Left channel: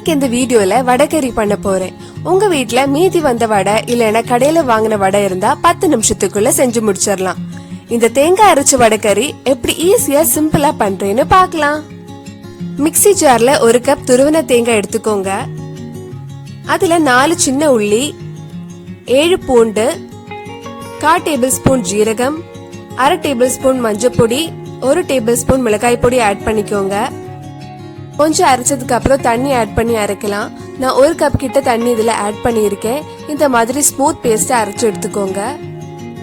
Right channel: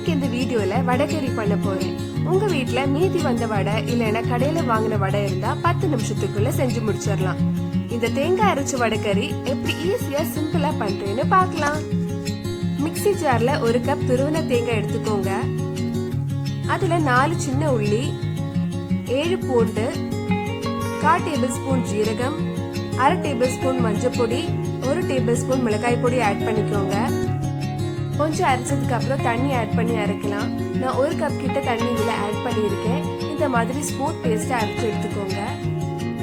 இன்னைக்கு இந்த வீடியோல வடகரி பண்ண போறேன். உங்க வீட்ல மீதி வந்த வடை இல்லனா கடையில வாங்கின வடை இருந்தா 10 நிமிஷத்துக்குள்ள செஞ்சு முடிச்சிடலாம். இந்த தேங்காய் அரைச்ச வடகரி எப்படி ஈஸியா சிம்பிளா பண்றேன்னு பார்க்கலாம். மிக்ஸி ஜார்ல 1 கப் துருவன தேங்காய் எடுத்துக்கோங்க. அதுல 4 சின்ன உள்ளி, 7 பூண்டு, 1/4 டேபிள் ஸ்பூன் ஜீரகம், 1/2 டேபிள் ஸ்பூன் மஞ்சள் பொடி, 1 டேபிள் ஸ்பூன் மிளகாய் பொடி ஆட் பண்ணிக்கோங்க. கொஞ்சம் அரைச்சதுக்கு அப்புறம் தண்ணி ஆட் பண்ணி அரைக்கலாம். நான் 1 கப் கிட்ட தண்ணி இதுல ஆட் பண்ணியிருக்கேன். இந்த மாதிரி ஸ்மூத் பேஸ்ட் அரைச்சு எடுத்துக்கோங்க.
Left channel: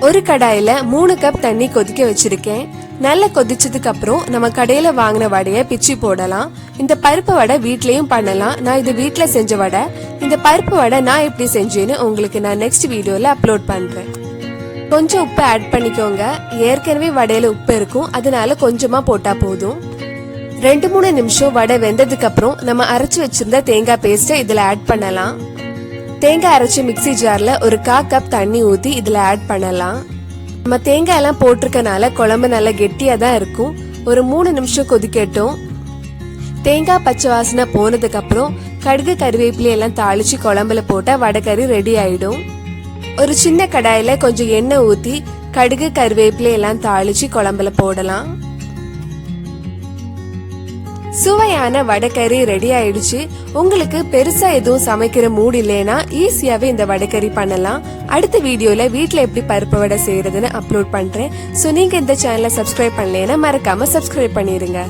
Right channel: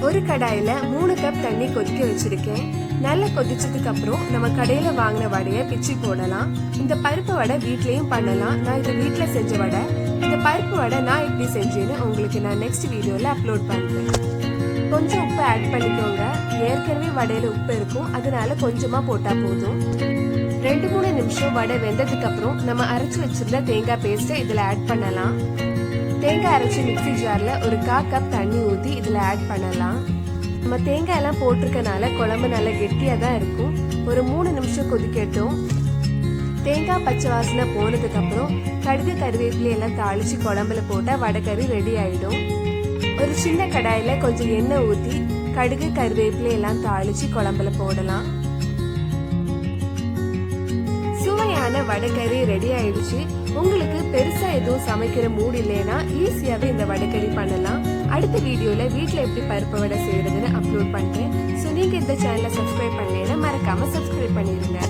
ஒரு கடாயில 3 கப் தண்ணி கொதிக்க வச்சிருக்கேன். நல்லா கொதிச்சதுக்கு அப்புறம் நம்ம கடையில வாங்கின வடையை பிச்சு போடலாம். இந்த பருப்பு வடை வீட்லயும் பண்ணலாம். நான் இது வீட்ல செஞ்ச வடை. இந்த பருப்பு வடை நான் எப்படி செஞ்சேன்னு உங்களுக்கு நான் நெக்ஸ்ட் வீடியோல அப்லோட் பண்றேன். கொஞ்சம் உப்பு ஆட் பண்ணிக்கோங்க. ஏற்கனவே வடையில உப்பு இருக்கும், அதனால கொஞ்சமா போட்டா போதும். 2-3 நிமிஷம் வடை வெந்ததுக்கு அப்புறம் நம்ம அரைச்சு வச்சிருந்த தேங்காய் பேஸ்ட இதுல ஆட் பண்ணலாம். தேங்காய் அரைச்சு மிக்ஸி ஜார்ல 1/4 கப் தண்ணி ஊத்தி இதுல ஆட் பண்ணலாம். நம்ம தேங்காய் எல்லாம் போட்டிருக்கனால குழம்பு நல்லா கெட்டியா தான் இருக்கும். ஒரு 3 நிமிஷம் கொதிக்கட்டும். தேங்காய் பச்சை வாசனை போனதுக்கு அப்புறம் கடுகு கருவேப்பிலை எல்லாம் தாளிச்சு குழம்புல போட்டா வடைக்கறி ரெடி ஆயிடும். ஒரு சின்ன கடாயில கொஞ்சம் எண்ணெய் ஊத்தி கடுகு கருவேப்பிலை எல்லாம் தாளிச்சு குழம்புல போடலாம். சுவையான வடைக்கறி ரெடி ஆயிடுச்சு. உங்களுக்கு பெருசா எதுவும் சமைக்கிற மூட் இல்லைன்னா ஈஸியாவே இந்த வடைக்கறி பண்ணலாம். அடுத்த வீடியோல வீட்ல எப்படி பருப்பு வடை செய்யறதுன்னு அப்லோட் பண்றேன். சோ நீங்க இந்த சேனலை சப்ஸ்கிரைப் பண்ணலைன்னா மறக்காம சப்ஸ்கிரைப் பண்ணிருங்க.